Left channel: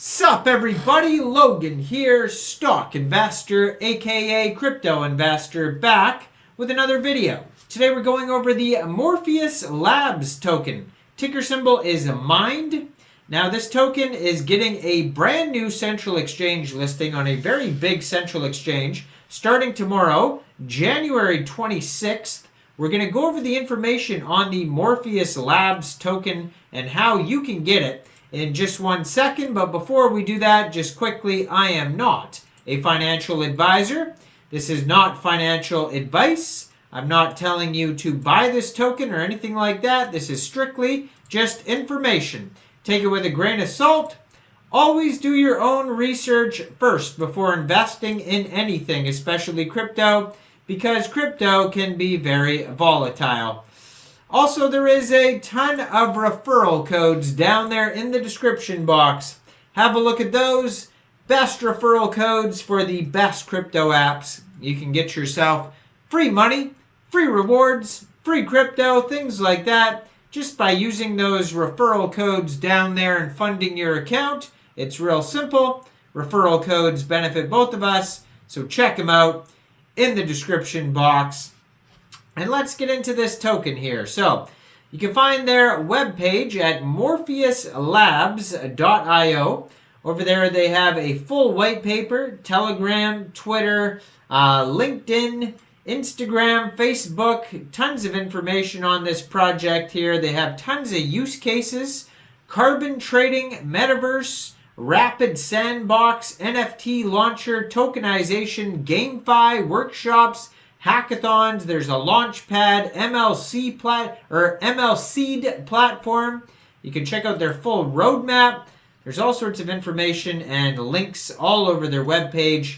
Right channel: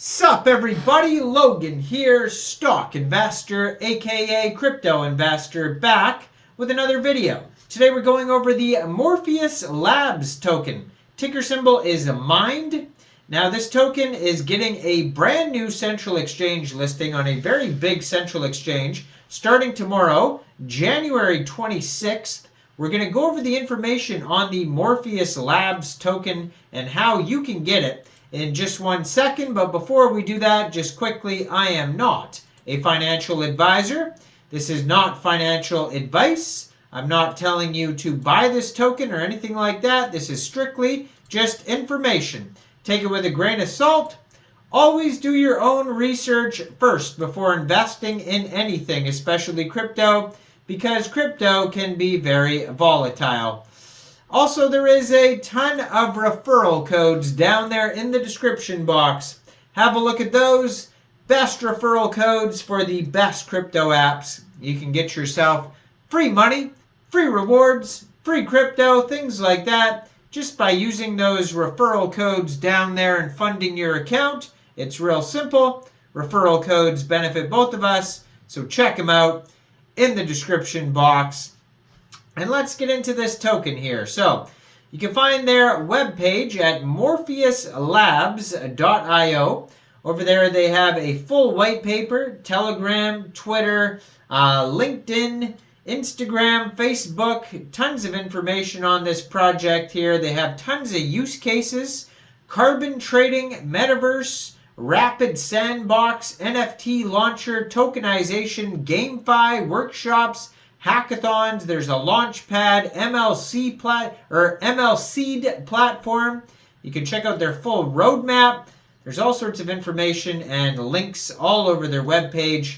Sup everybody, Logan here, stock investor aka crypto investor, back with another video. Today we're going over the Morpheus Labs token. Ticker symbol is MIND. Now this token is getting a brand new central exchange listing on a very big central exchange starting tomorrow, January 26th. We're going to go over the information on the Morpheus Labs token and how you can get it in just 1 second. But before we do that, just quickly, I am not a financial advisor. This is not financial advice. I'm not telling you to buy this token or anything like that. This is strictly just information. Take it with a grain of salt. Always do your own research first before investing in anything, especially crypto, because crypto can be very volatile. Also, there is a ton of referral codes down there in the description box. Have a look at those. Best referral codes for the best crypto apps. You can get yourself free money, free rewards, free crypto, things like that, just by using those referral codes down there and funding your account. It's real simple. Referral codes benefit both of us, so check them out in the description box. And let's get into this token here. So you can find their webpage at morpheuslabs.io. Over there they have a full white paper, Telegram, Twitter, LinkedIn, Instagram, Facebook, tons of information on this project here. They have tons of use cases, carbon trading, metaverse, rapid sandbox, NFT launcher, tokenization, GameFi, workshops, hackathons. There's a launchpad, ML platform. You can check out their full roadmap. There's all sorts of information and links all over their webpage.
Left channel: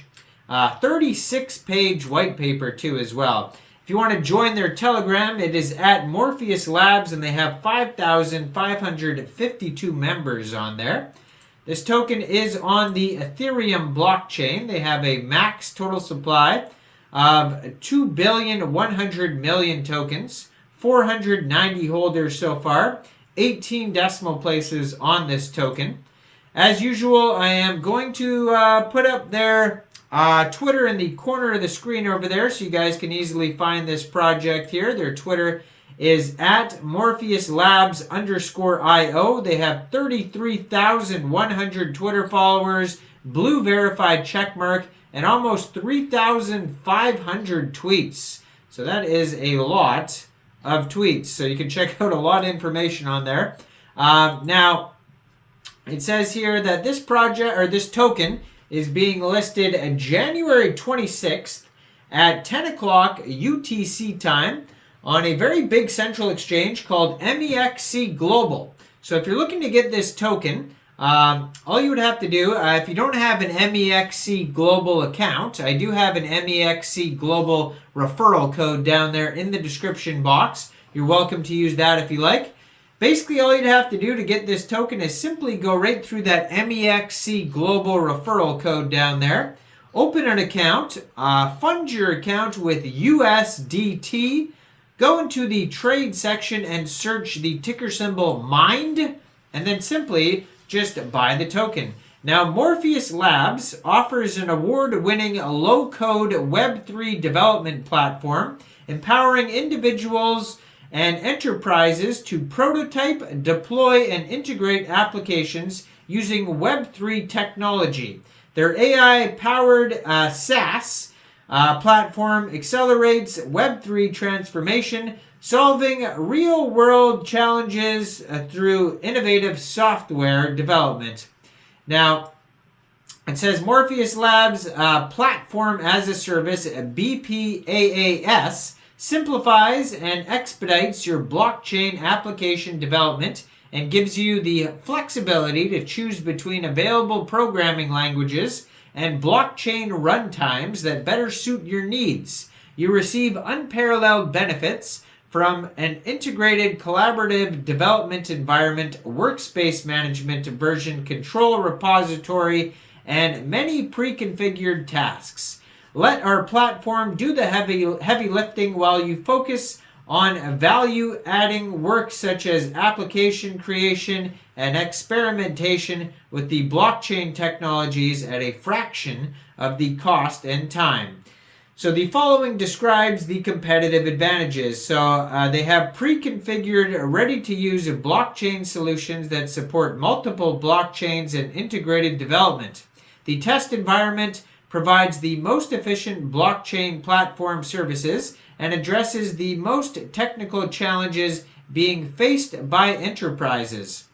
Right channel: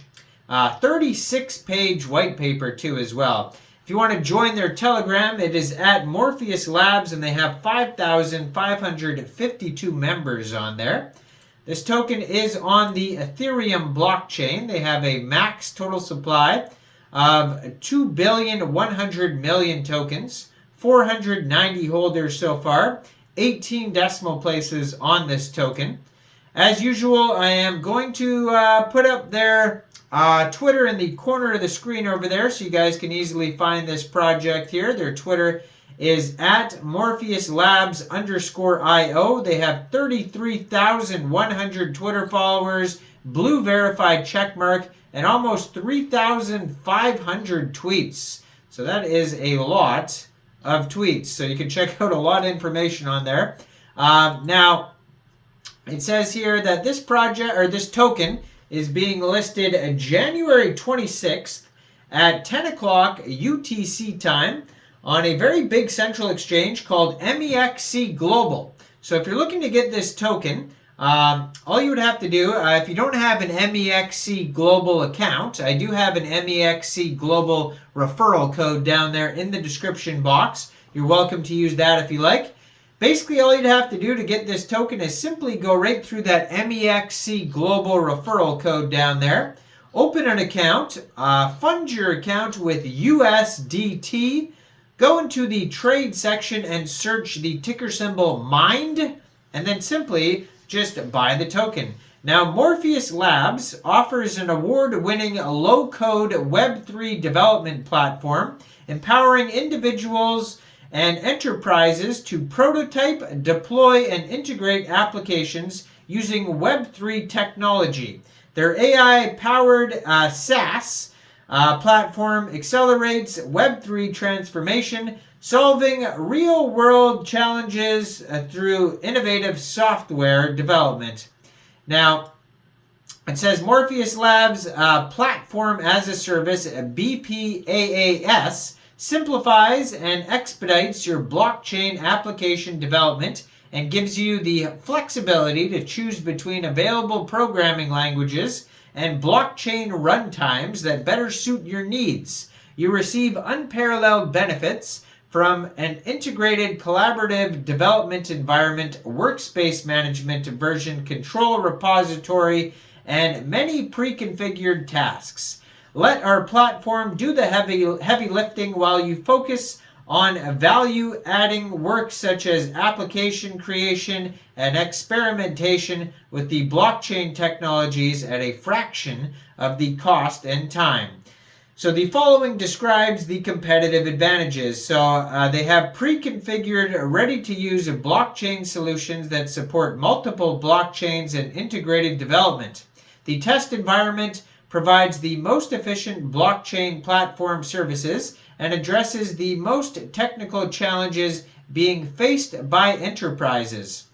36-page white paper too as well. If you want to join their Telegram, it is at Morpheus Labs, and they have 5,552 members on there. This token is on the Ethereum blockchain. They have a max total supply of 2,100,000,000 tokens, 490 holders so far, 18 decimal places on this token. As usual, I am going to put up their Twitter in the corner of the screen over there so you guys can easily find this project here. Their Twitter is at MorpheusLabs_IO. They have 33,100 Twitter followers, blue verified checkmark, and almost 3,500 tweets. So that is a lot of tweets. So you can check out a lot of information on there. Now, it says here that this project, or this token, is being listed January 26th at 10 o'clock UTC time on a very big central exchange called MEXC Global. So if you're looking to get this token, all you would have to do, if you don't have an MEXC Global account, I do have an MEXC Global referral code down there in the description box. You're welcome to use that if you like. Basically, all you'd have to do to get this token is simply go right through that MEXC Global referral code down there, open an account, fund your account with USDT, go into the trade section and search the ticker symbol MIND, and then simply just buy the token. Now, Morpheus Labs offers an award-winning low-code Web3 development platform, empowering individuals and enterprises to prototype, deploy, and integrate applications using Web3 technology. Their AI-powered SaaS platform accelerates Web3 transformation, solving real-world challenges through innovative software development. Now, it says Morpheus Labs Platform as a Service, BPaaS, simplifies and expedites your blockchain application development and gives you the flexibility to choose between available programming languages and blockchain runtimes that better suit your needs. You receive unparalleled benefits from an integrated collaborative development environment, workspace management, version control repository, and many pre-configured tasks. Let our platform do the heavy lifting while you focus on value-adding work such as application creation and experimentation with the blockchain technologies at a fraction of the cost and time. So the following describes the competitive advantages. So they have pre-configured, ready-to-use blockchain solutions that support multiple blockchains and integrated development. The test environment provides the most efficient blockchain platform services and addresses the most technical challenges being faced by enterprises.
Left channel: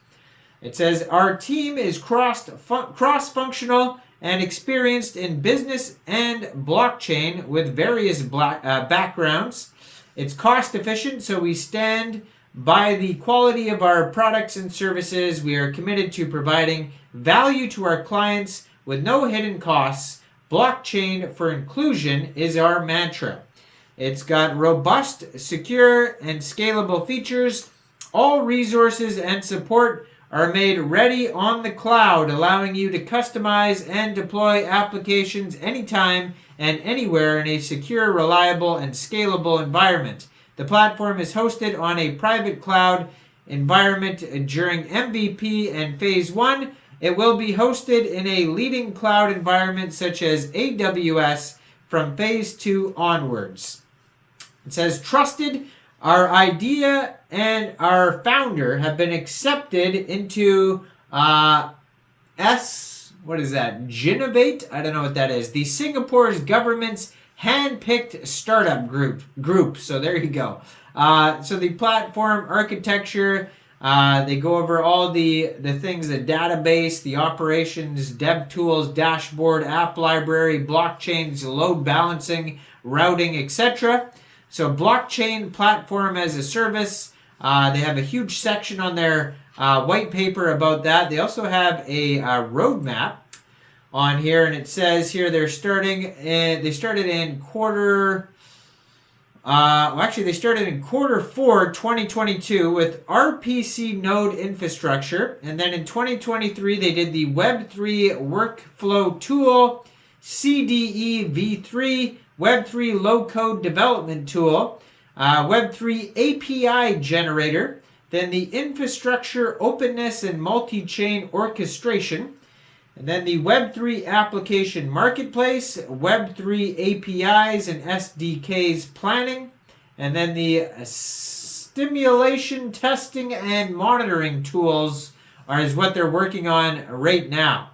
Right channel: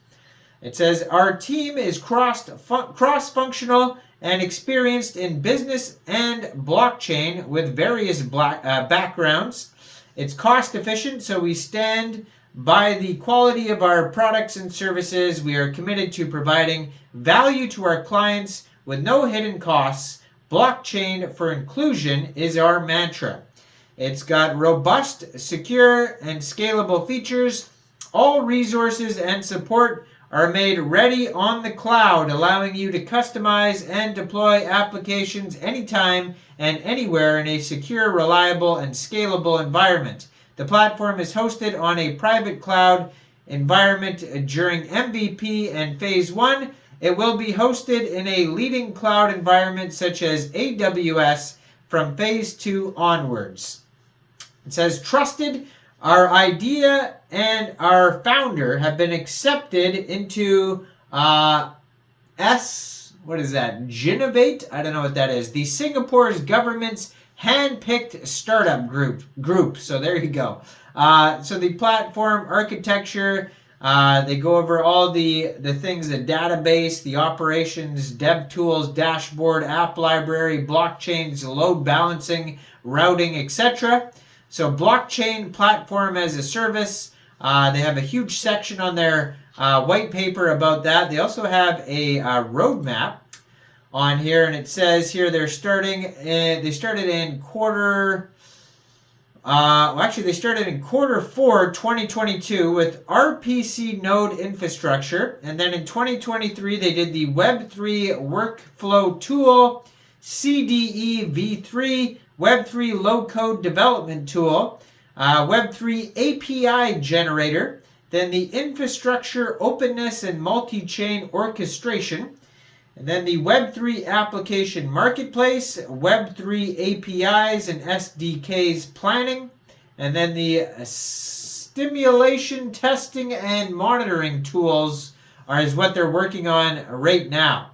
It says, our team is cross-functional and experienced in business and blockchain with various backgrounds. It's cost efficient, so we stand by the quality of our products and services. We are committed to providing value to our clients with no hidden costs. Blockchain for inclusion is our mantra. It's got robust, secure, and scalable features. All resources and support are made ready on the cloud, allowing you to customize and deploy applications anytime and anywhere in a secure, reliable, and scalable environment. The platform is hosted on a private cloud environment during MVP and Phase 1. It will be hosted in a leading cloud environment such as AWS from Phase 2 onwards. It says, trusted, our idea and our founder have been accepted into Genovate? I don't know what that is. The Singapore's government's hand-picked startup group. So there you go. So the platform architecture, they go over all the things, the database, the operations, dev tools, dashboard, app library, blockchains, load balancing, routing, etc. So blockchain platform as a service. They have a huge section on their white paper about that. They also have a roadmap on here, and it says here they started in quarter 4 2022 with RPC node infrastructure, and then in 2023 they did the Web3 workflow tool, CDE v3, Web3 low-code development tool, Web3 API generator, then the infrastructure openness and multi-chain orchestration, and then the Web3 application marketplace, Web3 APIs and SDKs planning, and then the stimulation testing and monitoring tools is what they're working on right now.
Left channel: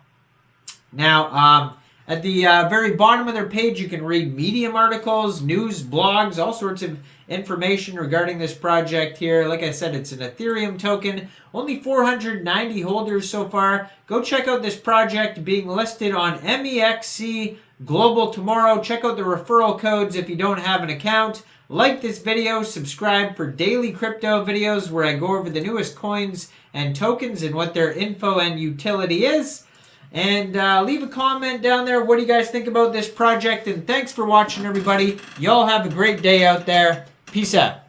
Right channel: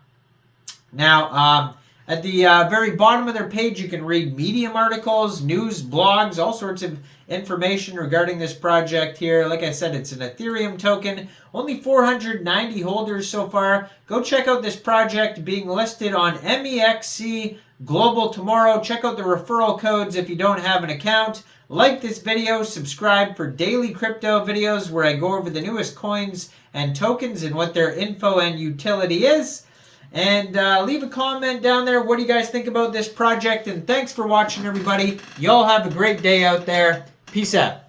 Now, at the very bottom of their page, you can read Medium articles, news, blogs, all sorts of information regarding this project here. Like I said, it's an Ethereum token. Only 490 holders so far. Go check out this project being listed on MEXC Global tomorrow. Check out the referral codes if you don't have an account. Like this video, subscribe for daily crypto videos where I go over the newest coins and tokens and what their info and utility is. And leave a comment down there. What do you guys think about this project? And thanks for watching, everybody. Y'all have a great day out there. Peace out.